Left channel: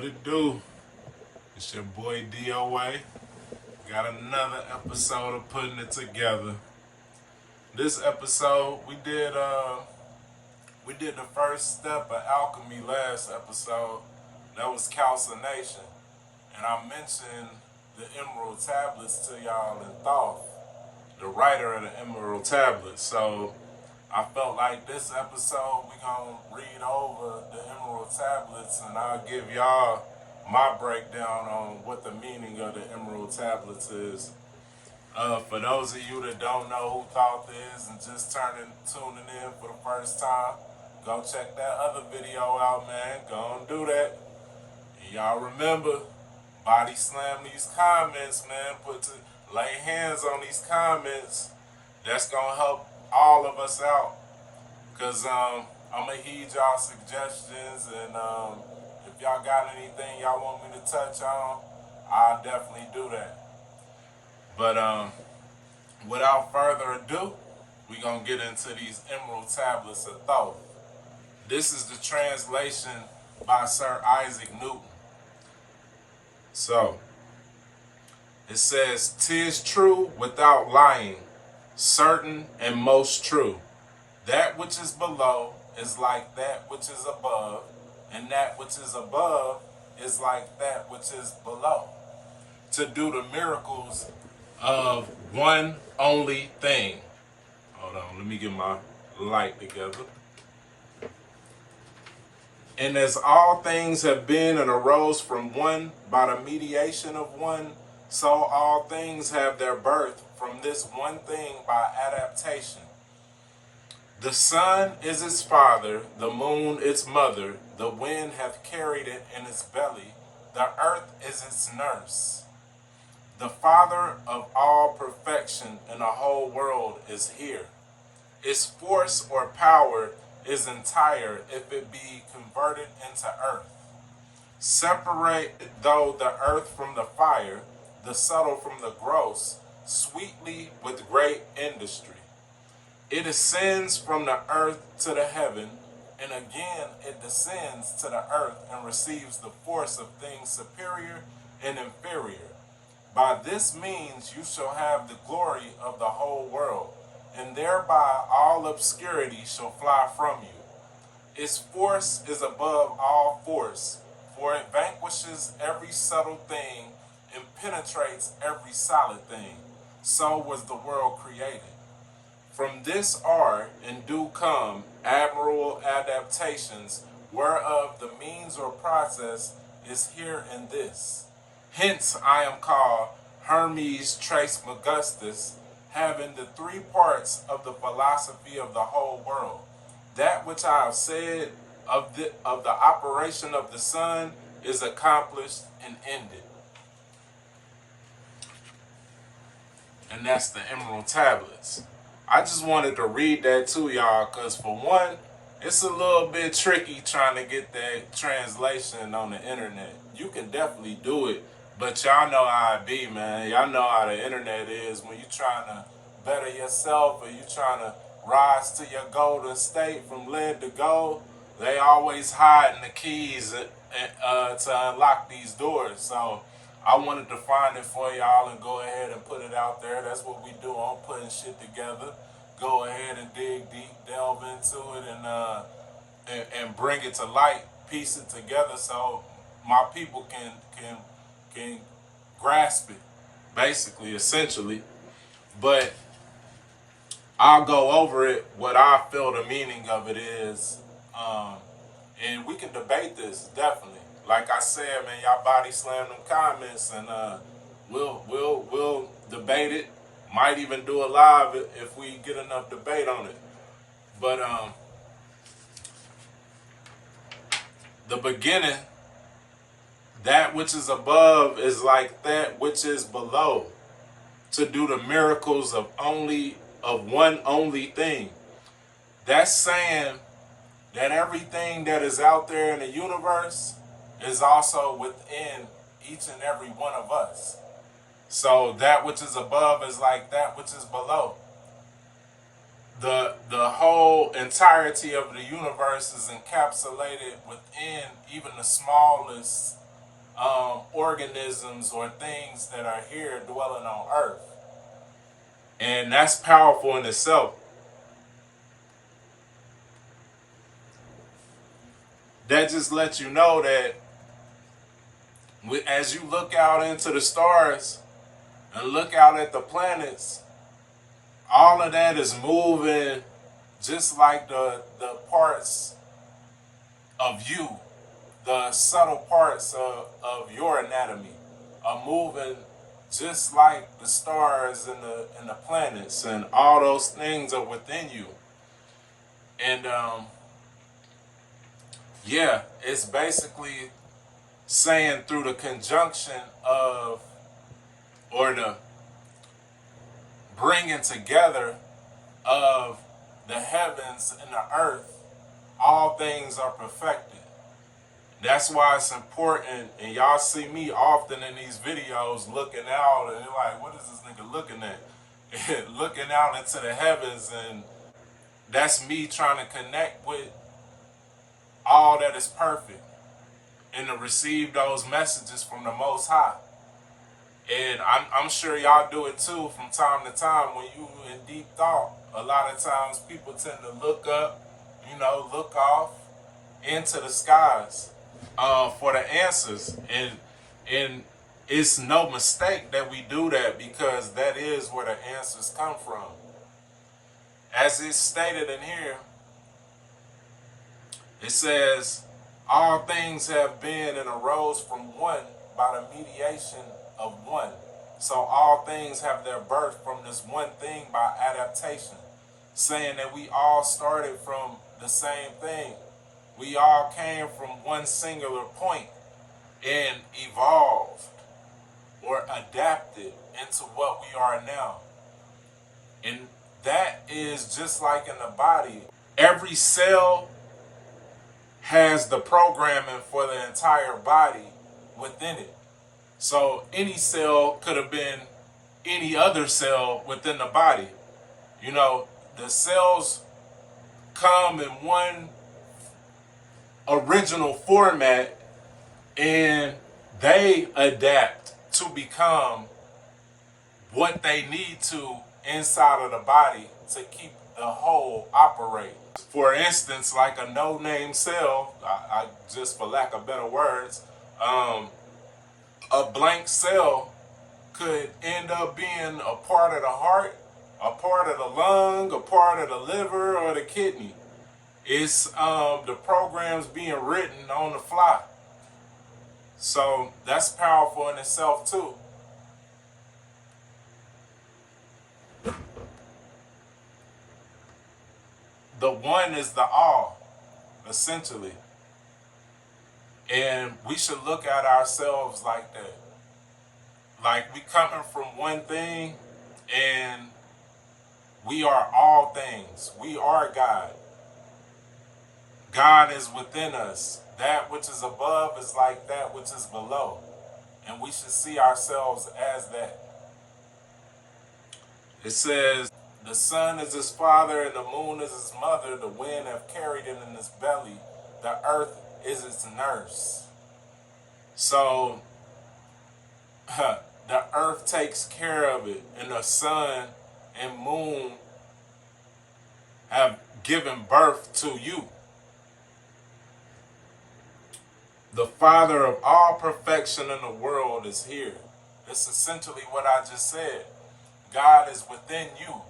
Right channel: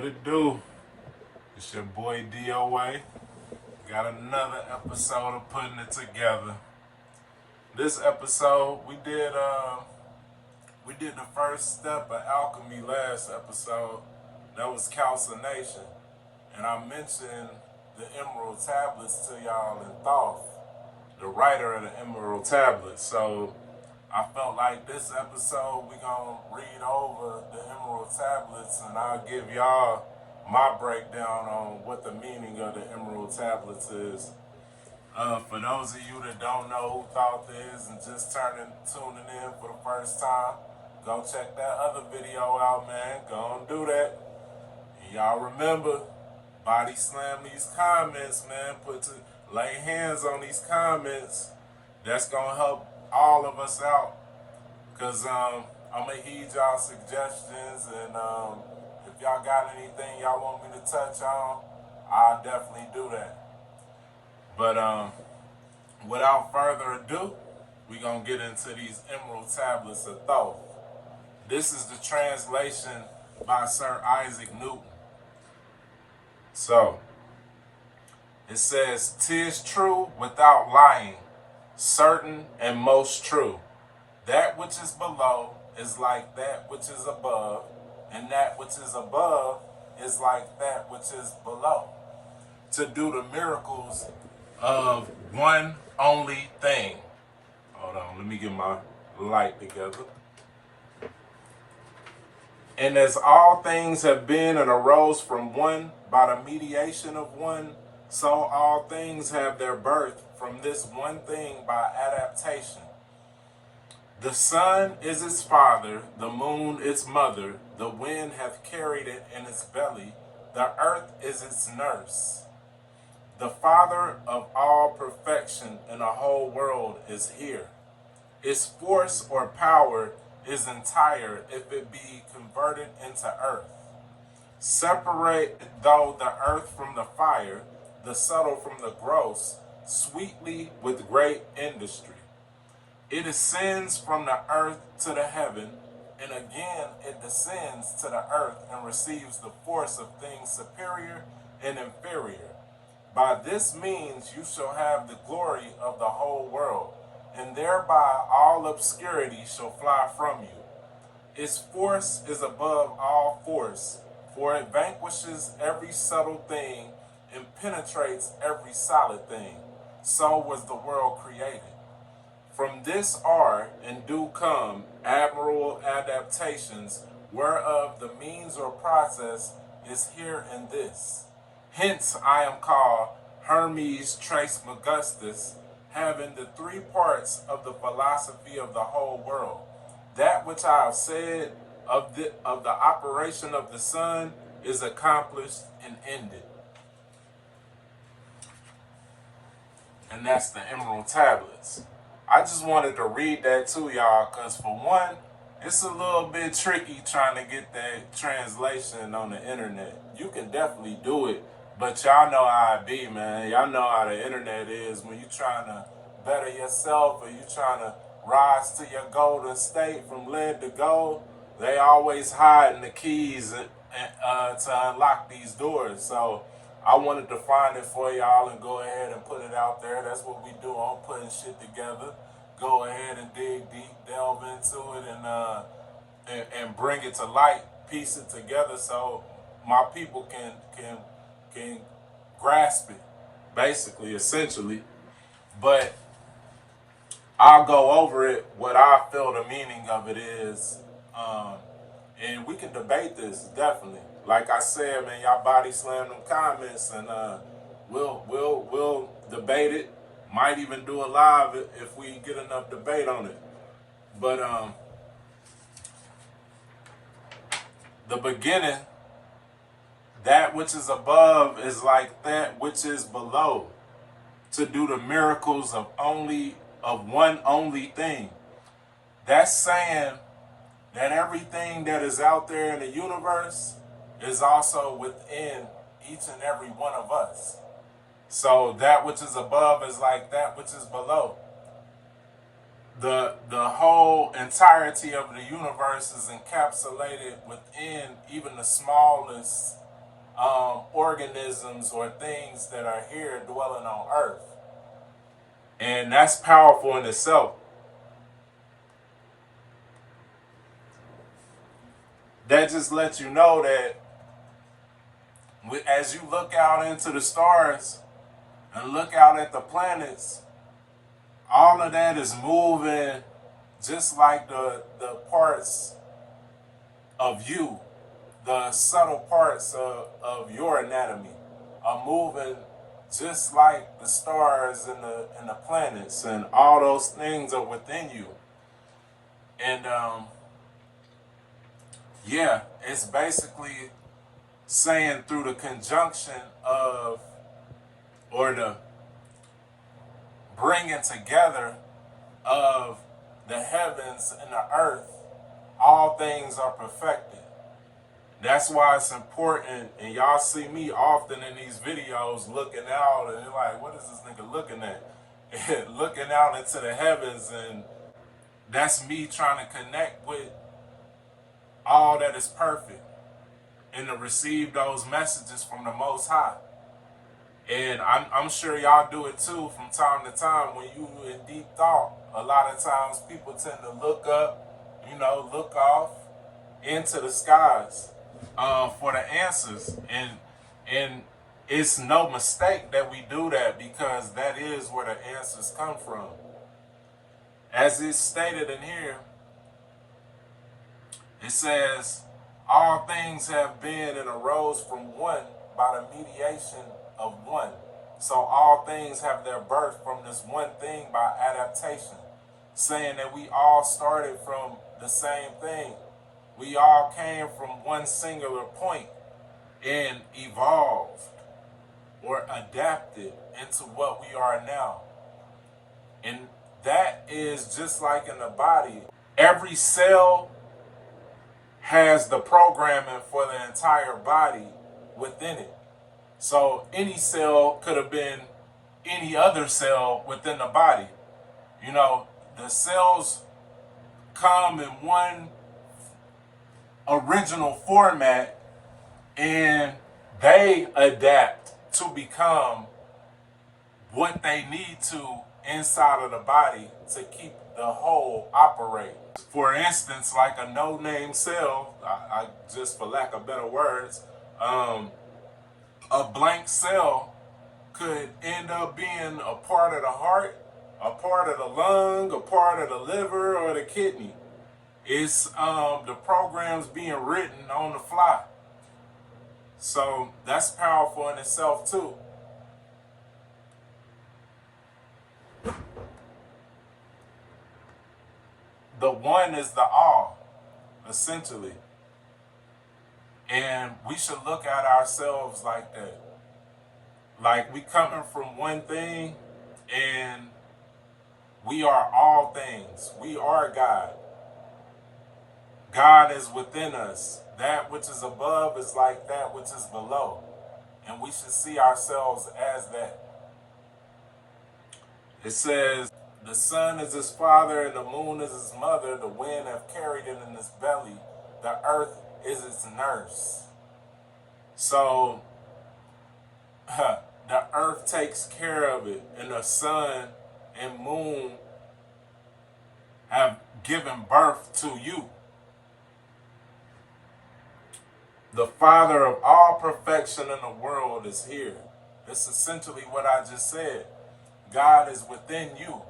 What it do? It's your boy DOA. Got another episode of putting it together. This episode we did the first step of alchemy last episode. That was calcination. And I mentioned the emerald tablets to y'all in Thoth, the writer of the emerald tablets. So I felt like this episode we gonna read over the emerald tablets and I'll give y'all my breakdown on what the meaning of the emerald tablets is. For those of you that don't know who Thoth is and just tuning in for the first time, go check that other video out, man. Go and do that. And y'all remember, body slam these comments, man. Lay hands on these comments. That's gonna help all of us out. Cause I'm gonna heed y'all suggestions, and if y'all got anything y'all want me to touch on, I'll definitely do that. But without further ado, we gonna get into these emerald tablets of Thoth. This is the translation by Sir Isaac Newton. So it says, "'Tis true without lying, certain and most true. That which is below is like that which is above, and that which is above is like that which is below. To do the miracles of one only thing." Hold on, let me get my light together. "And as all things have been and arose from one by the mediation of one, so all things have their birth from this one thing by adaptation. The sun is its father, the moon its mother, the wind hath carried it in its belly, the earth is its nurse. The father of all perfection in the whole world is here. Its force or power is entire if it be converted into earth. Separate though the earth from the fire, the subtle from the gross, sweetly with great industry. It ascends from the earth to the heaven, and again it descends to the earth and receives the force of things superior and inferior. By this means you shall have the glory of the whole world, and thereby all obscurity shall fly from you. Its force is above all force, for it vanquishes every subtle thing and penetrates every solid thing. So was the world created. From this are and do come admirable adaptations, whereof the means or process is here in this. Hence I am called Hermes Trismegistus, having the three parts of the philosophy of the whole world. That which I have said of the operation of the sun is accomplished and ended." And that's the emerald tablets. I just wanted to read that to y'all because, for one, it's a little bit tricky trying to get that translation on the internet. You can definitely do it, but y'all know how it be, man. Y'all know how the internet is when you trying to better yourself or you trying to rise to your golden state from lead to gold. They always hiding the keys to unlock these doors. So I wanted to find it for y'all and go ahead and put it out there. That's what we do on putting shit together. Go ahead and dig deep, delve into it, and bring it to light, piece it together so my people can grasp it, basically, essentially. But I'll go over it, what I feel the meaning of it is, and we can debate this, definitely. Like I said, man, y'all body slam them comments, and we'll debate it. Might even do a live if we get enough debate on it. But the beginning, that which is above is like that which is below, to do the miracles of one only thing. That's saying that everything that is out there in the universe is also within each and every one of us. So that which is above is like that which is below. The whole entirety of the universe is encapsulated within even the smallest organisms or things that are here dwelling on earth. And that's powerful in itself. That just lets you know that as you look out into the stars and look out at the planets, all of that is moving just like the parts of you, the subtle parts of your anatomy are moving just like the stars and the planets, and all those things are within you. And yeah, it's basically saying through the conjunction of, or the bringing together of the heavens and the earth, all things are perfected. That's why it's important, and y'all see me often in these videos looking out, and you're like, what is this nigga looking at? Looking out into the heavens, and that's me trying to connect with all that is perfect and to receive those messages from the Most High. And I'm sure y'all do it too from time to time. When you in deep thought, a lot of times people tend to look up, look off into the skies for the answers. And it's no mistake that we do that, because that is where the answers come from. As it's stated in here, it says, all things have been and arose from one by the mediation of one. So all things have their birth from this one thing by adaptation, saying that we all started from the same thing. We all came from one singular point and evolved or adapted into what we are now. And that is just like in the body. Every cell has the programming for the entire body within it. So any cell could have been any other cell within the body. The cells come in one original format, and they adapt to become what they need to inside of the body to keep the whole operate. For instance, like a no-name cell, I just for lack of better words, a blank cell could end up being a part of the heart, a part of the lung, a part of the liver, or the kidney. It's the programs being written on the fly. So that's powerful in itself too. The one is the all, essentially. And we should look at ourselves like that. Like we coming from one thing, and we are all things. We are God. God is within us. That which is above is like that which is below. And we should see ourselves as that. It says, the sun is his father and the moon is his mother. The wind have carried it in his belly. The earth is its nurse. So the earth takes care of it, and the sun and moon have given birth to you. The Father of all perfection in the world is here. That's essentially what I just said. God is within you.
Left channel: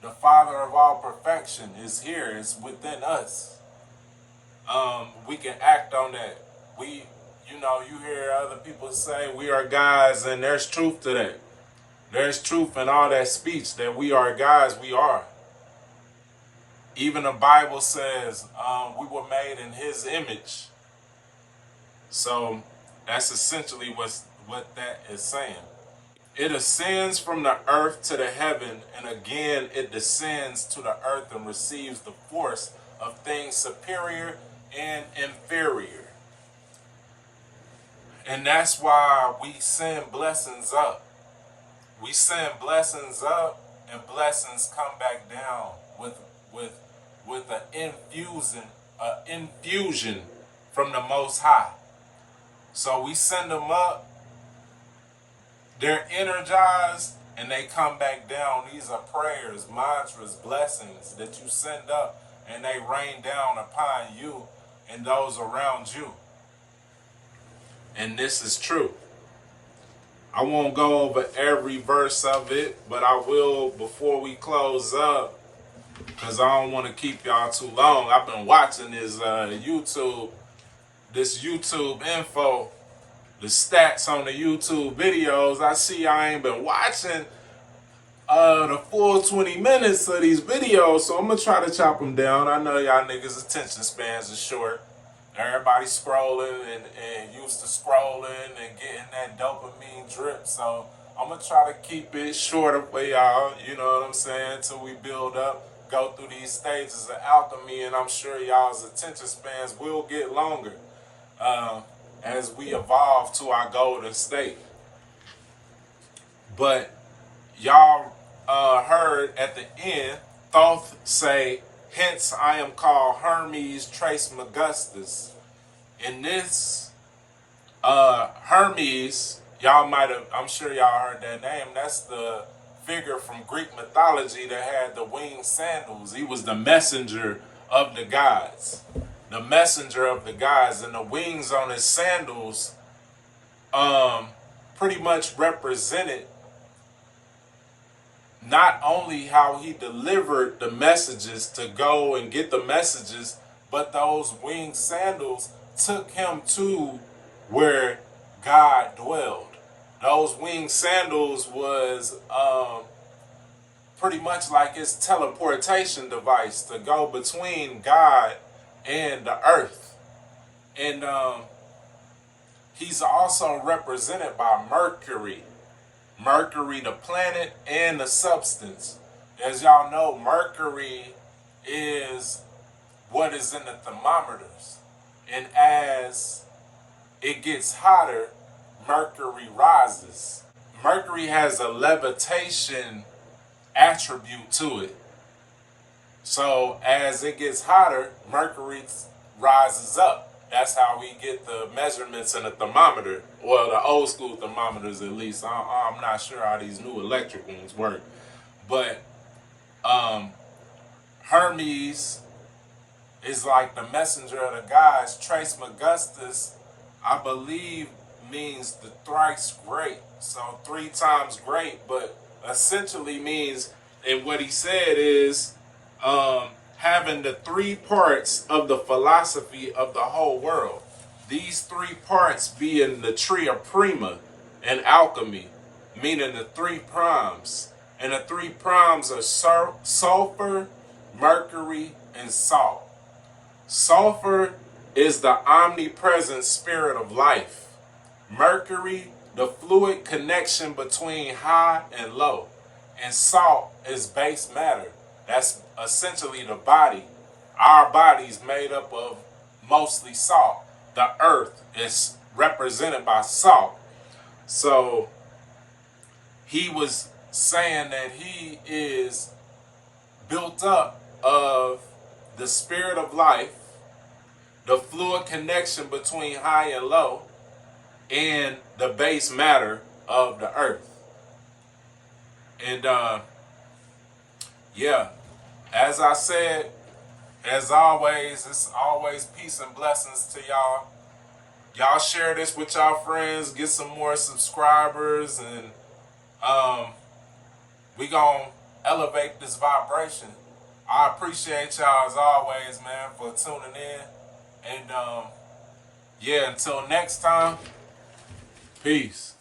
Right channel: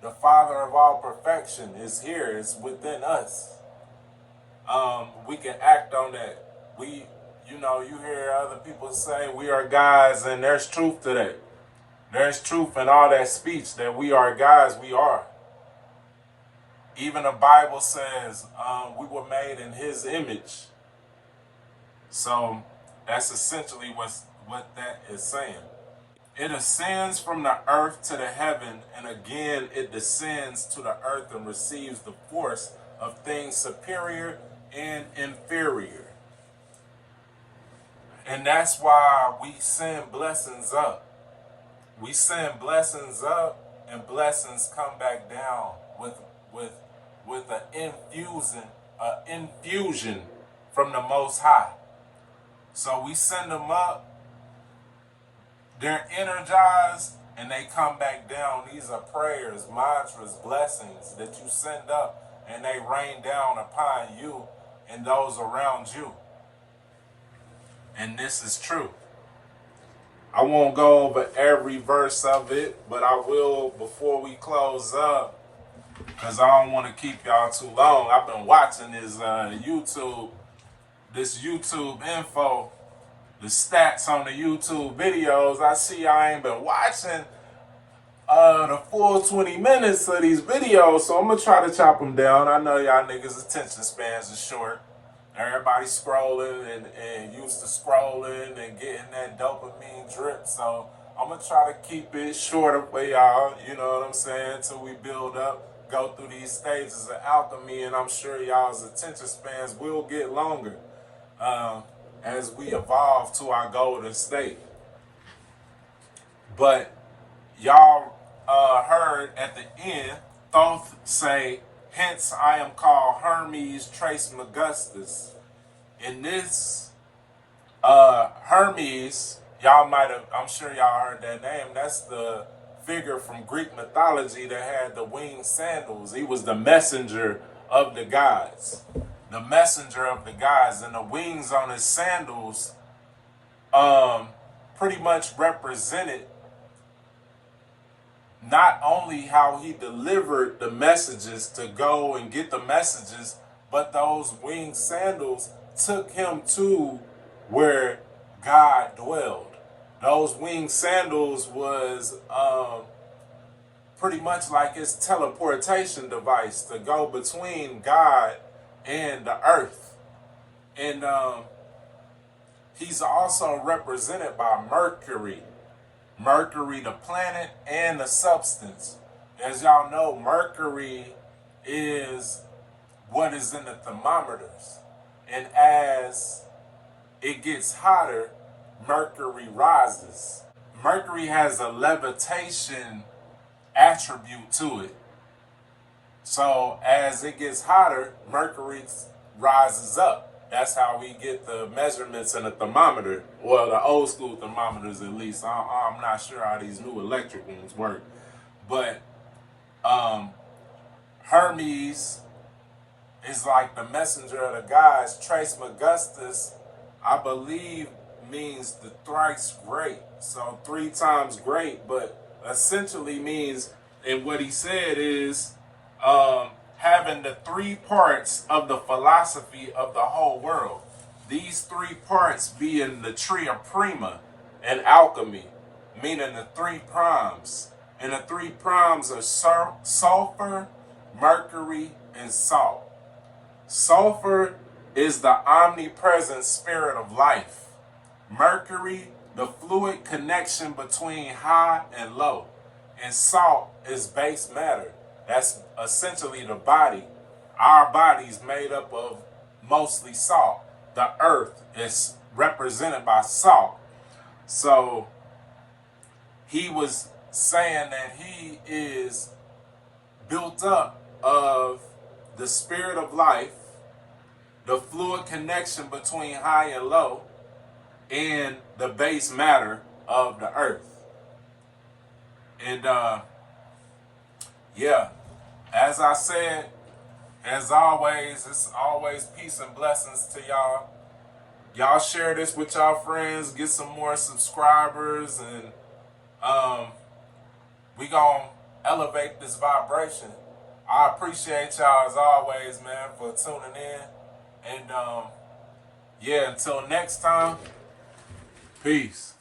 The Father of all perfection is here. It's within us. We can act on that. You hear other people say we are gods, and there's truth to that. There's truth in all that speech that we are gods. We are. Even the Bible says we were made in His image. So that's essentially what that is saying. It ascends from the earth to the heaven, and again it descends to the earth and receives the force of things superior and inferior. And that's why we send blessings up. We send blessings up, and blessings come back down with an infusion from the Most High. So we send them up, they're energized, and they come back down. These are prayers, mantras, blessings that you send up, and they rain down upon you and those around you. And this is true. I won't go over every verse of it, but I will before we close up, because I don't want to keep y'all too long. I've been watching this YouTube info, the stats on the YouTube videos. I see I ain't been watching the full 20 minutes of these videos, so I'm gonna try to chop them down. I know y'all niggas' attention spans are short. Everybody scrolling and used to scrolling and getting that dopamine drip, so I'm gonna try to keep it shorter for y'all, you know what I'm saying, till we build up, go through these stages of alchemy, and I'm sure y'all's attention spans will get longer as we evolve to our golden state. But y'all heard at the end Thoth say, "Hence I am called Hermes Trismegistus." And this Hermes, y'all might have, I'm sure y'all heard that name. That's the figure from Greek mythology that had the winged sandals. He was the messenger of the gods. The messenger of the gods, and the wings on his sandals pretty much represented not only how he delivered the messages to go and get the messages, but those winged sandals took him to where God dwelled. Those winged sandals was pretty much like his teleportation device to go between God and the earth. And he's also represented by Mercury. Mercury, the planet and the substance. As y'all know, Mercury is what is in the thermometers. And as it gets hotter, Mercury rises. Mercury has a levitation attribute to it. So as it gets hotter, Mercury rises up. That's how we get the measurements in a thermometer. Well, the old school thermometers, at least. I'm not sure how these new electric ones work. But Hermes is like the messenger of the gods. Trismegistus, I believe, means the thrice great. So 3 times great, but essentially means, and what he said is, having the 3 parts of the philosophy of the whole world. These 3 parts being the tria prima and alchemy, meaning the 3 primes. And the 3 primes are sulfur, mercury, and salt. Sulfur is the omnipresent spirit of life. Mercury, the fluid connection between high and low. And salt is base matter. That's essentially the body. Our body is made up of mostly salt. The earth is represented by salt. So he was saying that he is built up of the spirit of life, the fluid connection between high and low, and the base matter of the earth. And yeah, as I said, as always, it's always peace and blessings to y'all. Y'all share this with y'all friends, get some more subscribers, and we gonna elevate this vibration. I appreciate y'all as always, man, for tuning in. And yeah, until next time, peace.